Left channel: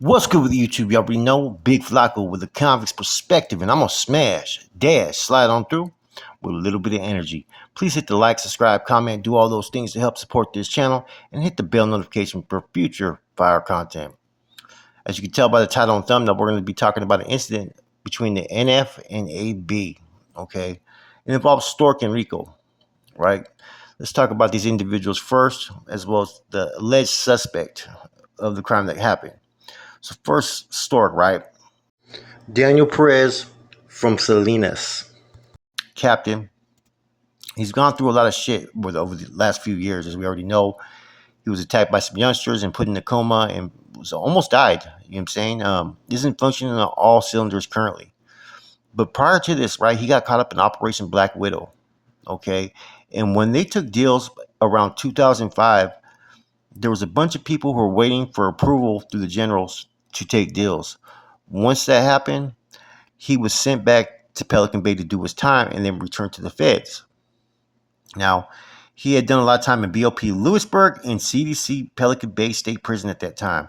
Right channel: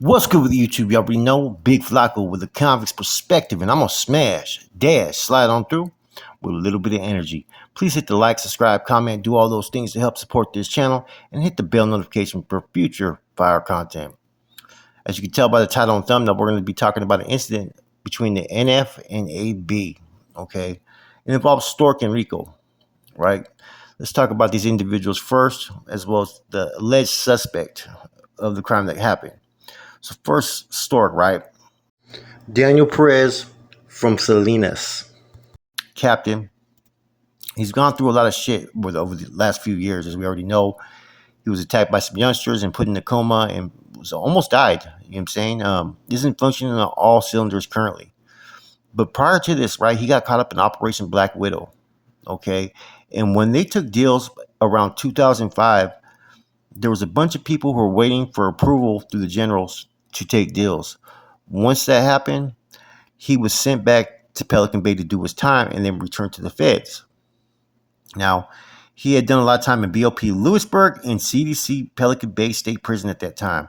What's good with YouTube? You already know Big Flacco with a convict's perspective, and I'm gonna slide on through with a little bit of energy. Please hit the like, subscribe, comment, do all those things to help support this channel, and hit the bell notification for future fire content. As you can tell by the title and thumbnail, we're going to be talking about an incident between the NF and AB. Okay, it involves Stork and Rico, right? Let's talk about these individuals first, as well as the alleged suspect of the crime that happened. So first, Stork, right? Daniel Perez from Salinas, captain. He's gone through a lot of shit over the last few years, as we already know. He was attacked by some youngsters and put in a coma and was almost died. You know what I'm saying? Isn't functioning on all cylinders currently. But prior to this, right, he got caught up in Operation Black Widow. Okay, and when they took deals around 2005, there was a bunch of people who were waiting for approval through the generals to take deals. Once that happened, he was sent back to Pelican Bay to do his time and then returned to the feds. Now, he had done a lot of time in BOP Lewisburg and CDC Pelican Bay State Prison at that time.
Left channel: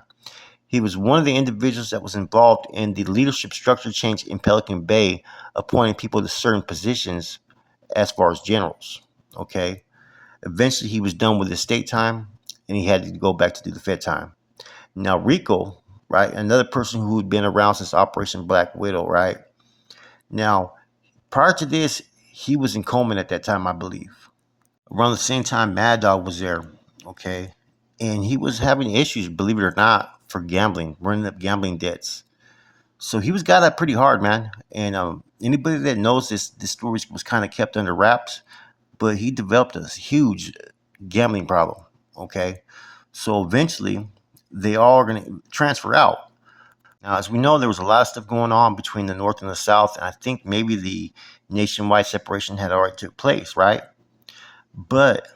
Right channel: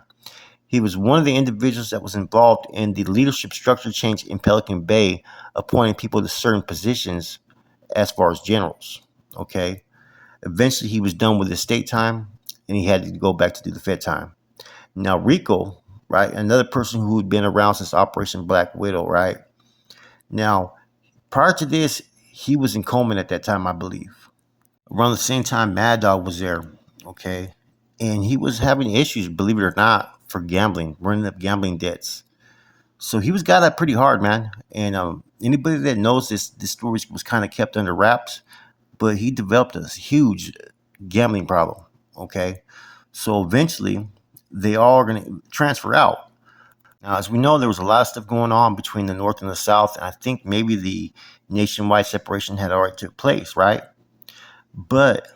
He was one of the individuals that was involved in the leadership structure change in Pelican Bay, appointing people to certain positions as far as generals. Okay. Eventually, he was done with his state time and he had to go back to do the Fed time. Now, Rico, right, another person who had been around since Operation Black Widow, right? Now, prior to this, he was in Coleman at that time, I believe. Around the same time, Mad Dog was there, okay? And he was having issues, believe it or not, for gambling, running up gambling debts. So he was got up pretty hard, man. And anybody that knows this story was kind of kept under wraps, but he developed a huge gambling problem, okay? So eventually, they all are going to transfer out. Now, as we know, there was a lot of stuff going on between the North and the South. I think maybe the nationwide separation had already took place, right? But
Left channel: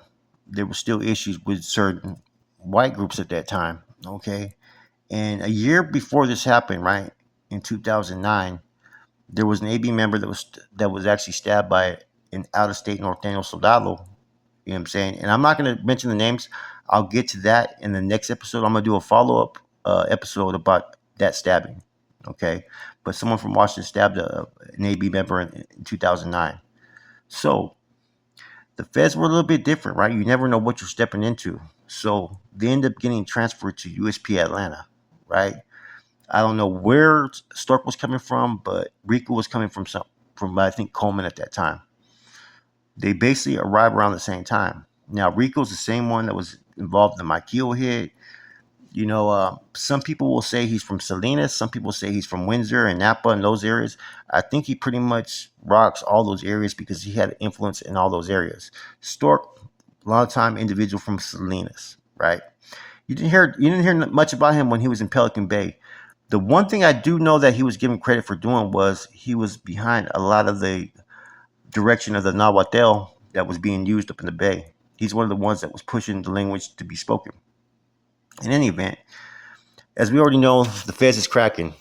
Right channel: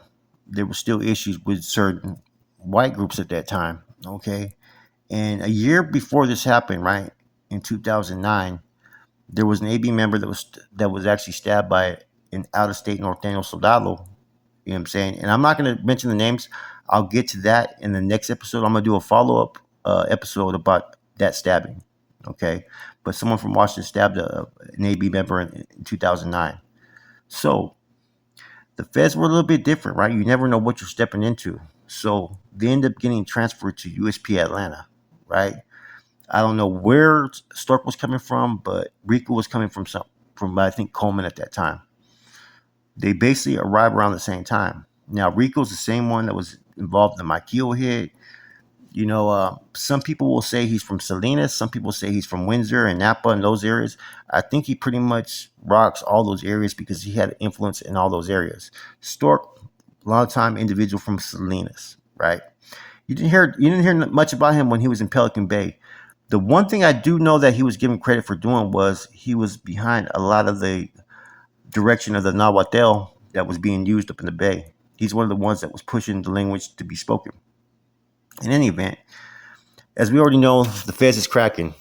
there were still issues with certain white groups at that time, okay? And a year before this happened, right, in 2009, there was an AB member that was actually stabbed by an out-of-state norteño soldado. You know what I'm saying? And I'm not going to mention the names. I'll get to that in the next episode. I'm going to do a follow-up episode about that stabbing, okay? But someone from Washington stabbed an AB member in 2009. So the feds were a little bit different, right? You never know what you're stepping into. So they end up getting transferred to Usp-Atlanta, right? I don't know where Stork was coming from, but Rico was coming from I think Coleman at that time. They basically arrived around the same time. Now Rico's the same one that was involved in the Maquillo hit. You know, some people will say he's from Salinas. Some people say he's from Windsor and Napa and those areas. I think he pretty much rocks all those areas because he had influence in all those areas. Stork, a lot of time individual from Salinas, right? You didn't hear much about him when he was in Pelican Bay. The one thing I do know that he was given credit for doing was he was behind a lot of the direction of the Nahuatl that was being used up in the Bay. He's one of the ones that was pushing the language to be spoken. In any event, as we already know, the feds is cracking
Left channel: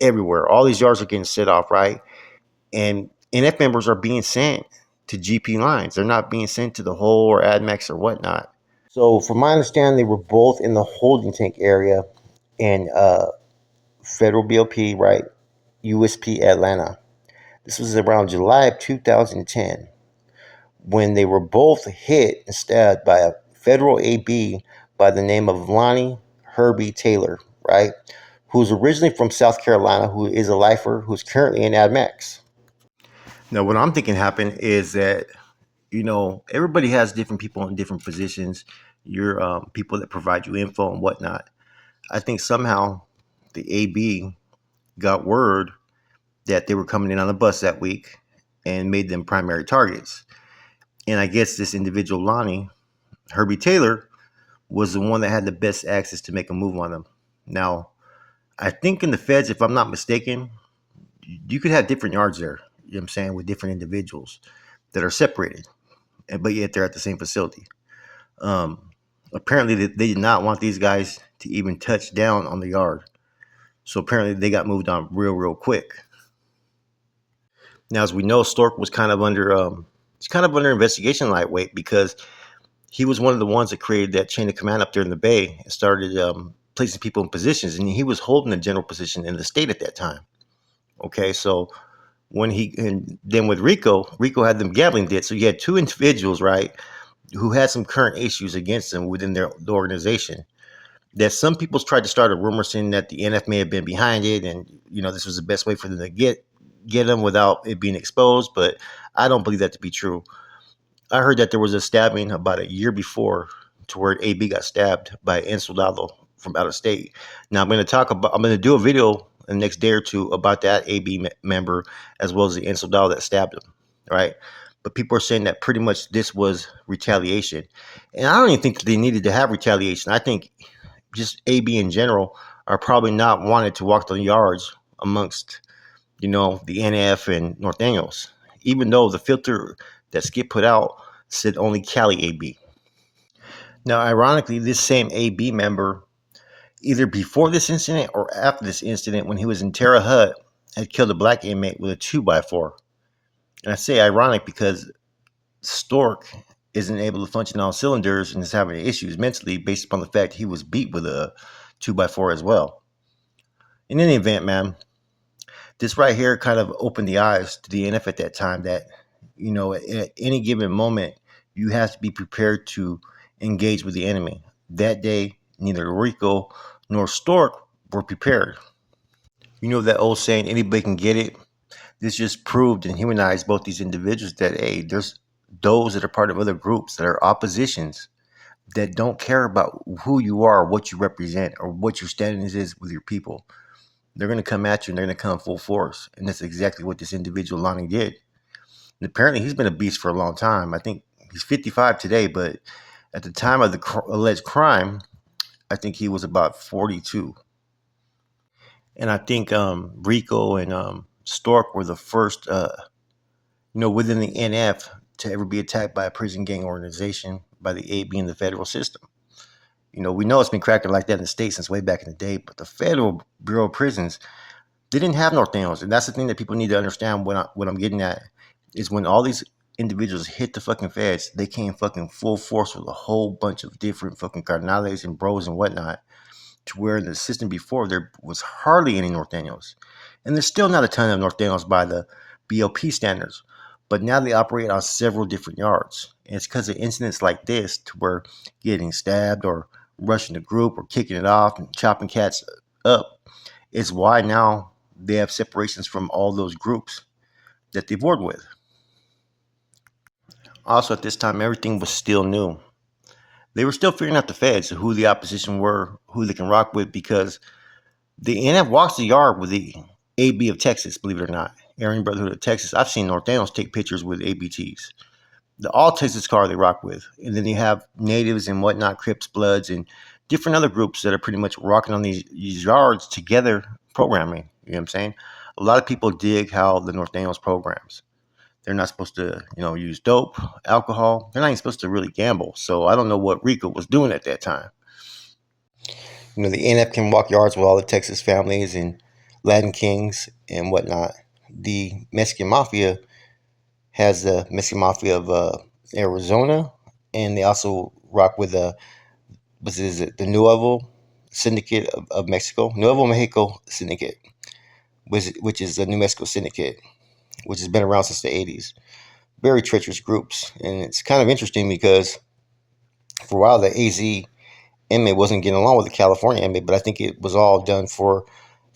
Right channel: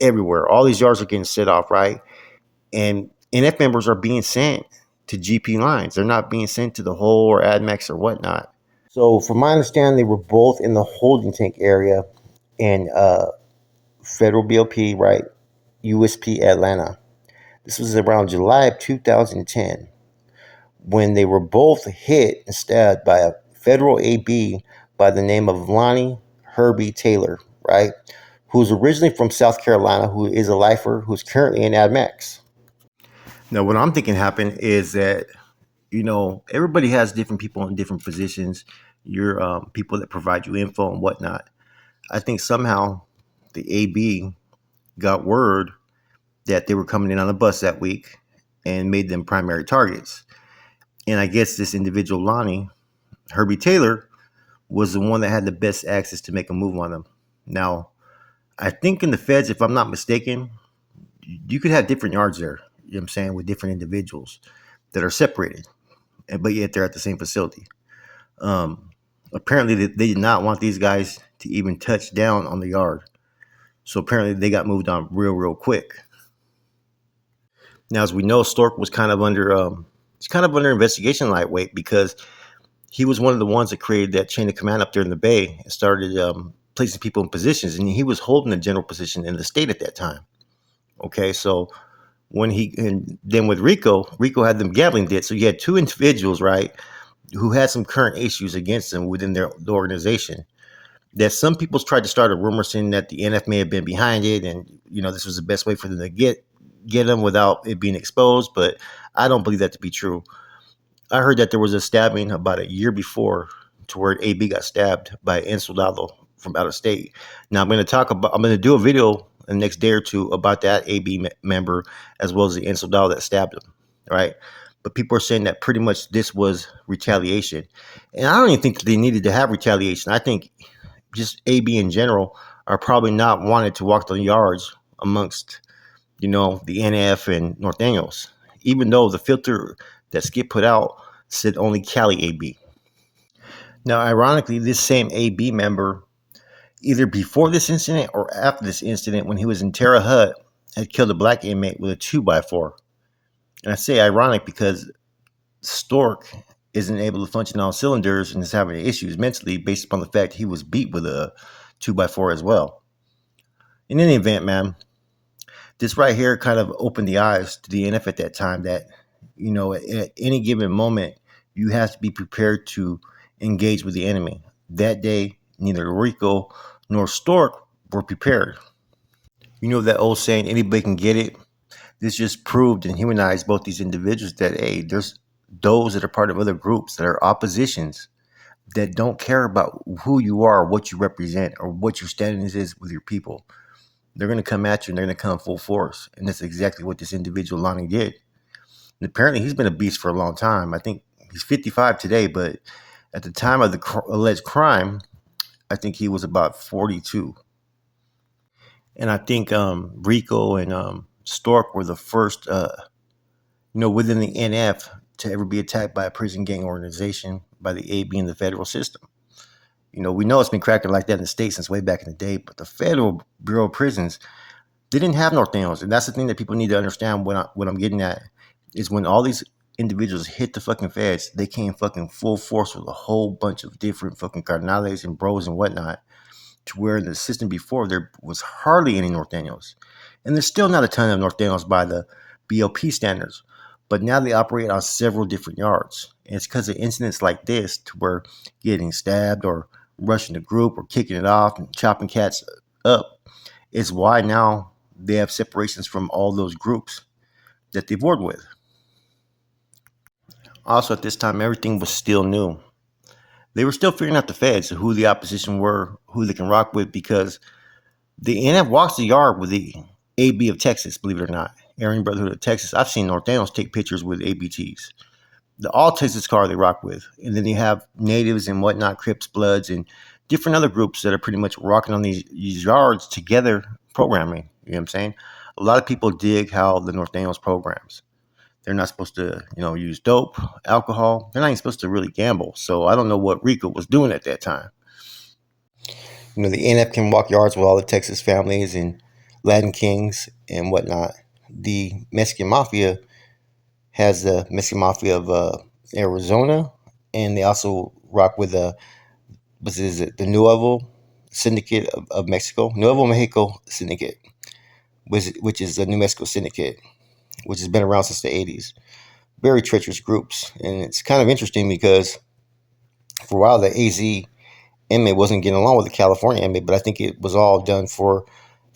everywhere. All these yards are getting set off, right? And NF members are being sent to GP lines. They're not being sent to the Hole or AdMax or whatnot. So from my understanding, they were both in the holding tank area in Federal BOP, right? Usp-Atlanta. This was around July of 2010 when they were both hit and stabbed by a federal AB by the name of Lonnie Herbie Taylor, right? Who's originally from South Carolina, who is a lifer, who's currently in AdMax. Now, what I'm thinking happened is that, you know, everybody has different people in different positions. Your people that provide you info and whatnot. I think somehow the AB got word that they were coming in on a bus that week and made them primary targets. And I guess this individual, Lonnie Herbie Taylor, was the one that had the best access to make a move on them. Now, I think in the feds, if I'm not mistaken, you could have different yards there, you know what I'm saying, with different individuals that are separated, but yet they're at the same facility. Apparently, they did not want these guys to even touch down on the yard. So apparently, they got moved on real quick. Now, as we know, Stork was kind of under investigation lightweight because he was one of the ones that created that chain of command up there in the Bay and started placing people in positions, and he was holding a general position in the state at that time. Okay, so and then with Rico had them gambling debt. So you had two individuals, right, who had some current issues against them within the organization. That some people tried to start a rumor saying that the NF may have been behind it, and this was the best way for them to get them without it being exposed. But I don't believe that to be true. I heard that there was a stabbing about a year before, to where AB got stabbed by Usp-Atl from out of state. Now I'm going to do a video the next day or two about that AB member, as well as the Usp-Atl that stabbed him, right? But people are saying that pretty much this was retaliation, and I don't even think they needed to have retaliation. I think just AB in general are probably not wanted to walk the yards amongst, the NF and North Daniels, even though the filter that Skip put out said only Cali AB. Now, ironically, this same AB member, either before this incident or after this incident, when he was in Terre Haute, had killed a black inmate with a 2x4. And I say ironic because Stork isn't able to function on cylinders and is having issues mentally based upon the fact he was beat with a 2x4 as well. In any event, man, this right here kind of opened the eyes to the NF at that time that, at any given moment, you have to be prepared to engage with the enemy. That day, neither Rico nor Stork were prepared. You know that old saying, anybody can get it? This just proved and humanized both these individuals that, hey, there's those that are part of other groups that are oppositions that don't care about who you are, what you represent, or what your status is with your people. They're going to come at you and they're going to come full force. And that's exactly what this individual Lonnie did. And apparently he's been a beast for a long time. I think he's 55 today, but at the time of the alleged crime, I think he was about 42. And I think Rico and Stork were the first, within the NF to ever be attacked by a prison gang organization, by the AB and the federal system. We know it's been cracking like that in the States since way back in the day, but the Federal Bureau of Prisons didn't have North Daniels. And that's the thing that people need to understand. What I'm getting at is when all these individuals hit the fucking feds, they came fucking full force with a whole bunch of different fucking carnales and bros and whatnot, to where in the system before there was hardly any North Daniels. And there's still not a ton of North Daniels by the BOP standards, but now they operate on several different yards. And it's because of incidents like this, to where getting stabbed or rushing the group or kicking it off and chopping cats up, is why now they have separations from all those groups that they've warred with. Also, at this time, everything was still new. They were still figuring out the feds, who the opposition were, who they can rock with, because the NF walks the yard with the AB of Texas, believe it or not. Aryan Brotherhood of Texas. I've seen North Daniels take pictures with ABTs. The all Texas car they rock with. And then you have natives and whatnot, Crips, Bloods, and different other groups that are pretty much rocking on these yards together programming. You know what I'm saying? A lot of people dig how the North Daniels programs. They're not supposed to, use dope, alcohol. They're not even supposed to really gamble. So I don't know what Rico was doing at that time. The NF can walk yards with all the Texas families and Latin kings and whatnot. The Mexican Mafia has the Mexican Mafia of Arizona, and they also rock with the Nuevo Syndicate of Mexico, Nuevo Mexico Syndicate, which is the New Mexico Syndicate, which has been around since the 80s. Very treacherous groups, and it's kind of interesting because for a while the AZ inmate wasn't getting along with the California inmate, but I think it was all done for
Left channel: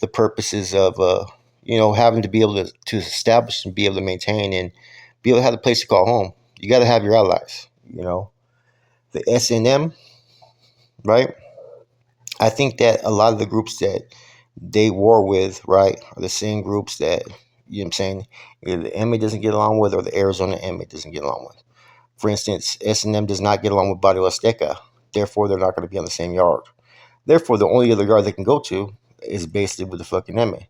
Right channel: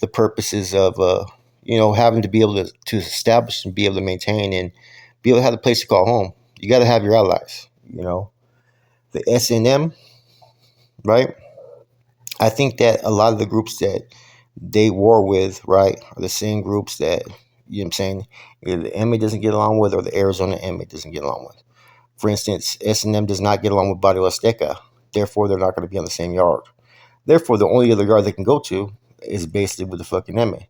the purposes of having to be able to establish and be able to maintain and be able to have a place to call home. You got to have your allies. The SNM, right? I think that a lot of the groups that they war with, right, are the same groups that, either the inmate doesn't get along with or the Arizona inmate doesn't get along with. For instance, SNM does not get along with Barrio Azteca. Therefore, they're not going to be on the same yard. Therefore, the only other yard they can go to is basically with the fucking inmate.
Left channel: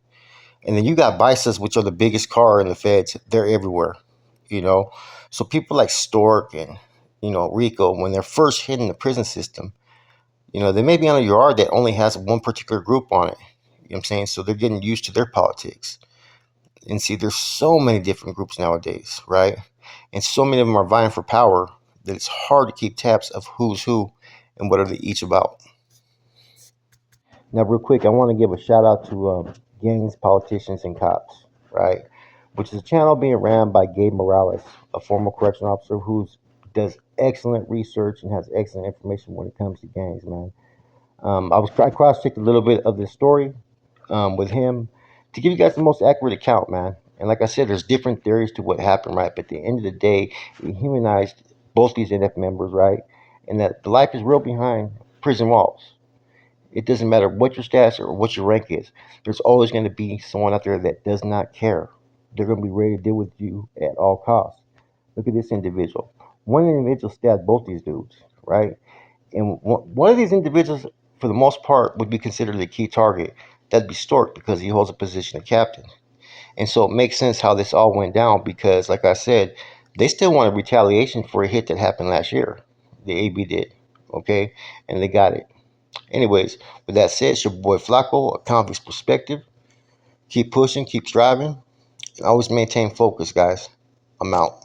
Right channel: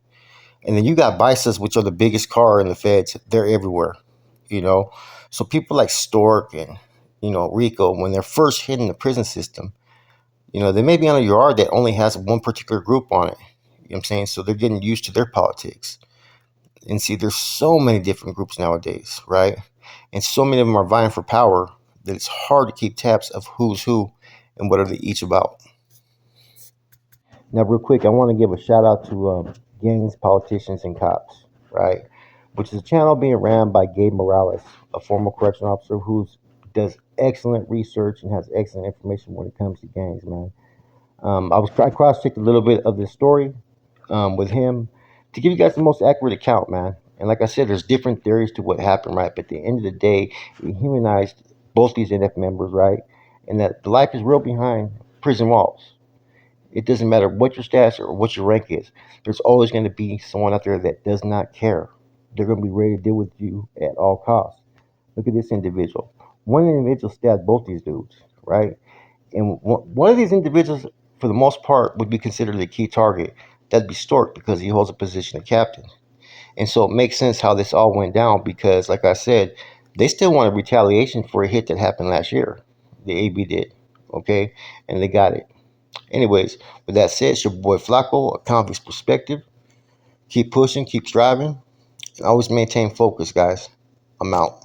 And then you got Bisas, which are the biggest car in the feds. They're everywhere, So people like Stork and, Rico, when they're first hitting the prison system, they may be on a yard that only has one particular group on it. You know what I'm saying? So they're getting used to their politics. And see, there's so many different groups nowadays, right? And so many of them are vying for power that it's hard to keep tabs of who's who and what are they each about. Now, real quick, I want to give a shout out to Gangs, Politicians, and Cops, right? Which is a channel being ran by Gabe Morales, a former correctional officer who does excellent research and has excellent information when it comes to gangs, man. I cross-checked a little bit of this story with him to give you guys the most accurate account, man. And like I said, there's different theories to what happened, right? But at the end of the day, he humanized both these NF members, right? And that the life is real behind prison walls. It doesn't matter what your status or what your rank is. There's always going to be someone out there that does not care. They're going to be ready to deal with you at all costs. Look at this individual. One individual stabbed both these dudes, right? And one of these individuals, for the most part, would be considered a key target. That'd be Stork because he holds a position of captain. And so it makes sense how this all went down because, like I said, they still wanted retaliation for a hit that happened last year. The AB did, okay? And they got it. Anyways, with that said, it's your boy Flacco, a convict's perspective. Keep pushing, keep striving, and always maintain focus, guys. I'm out.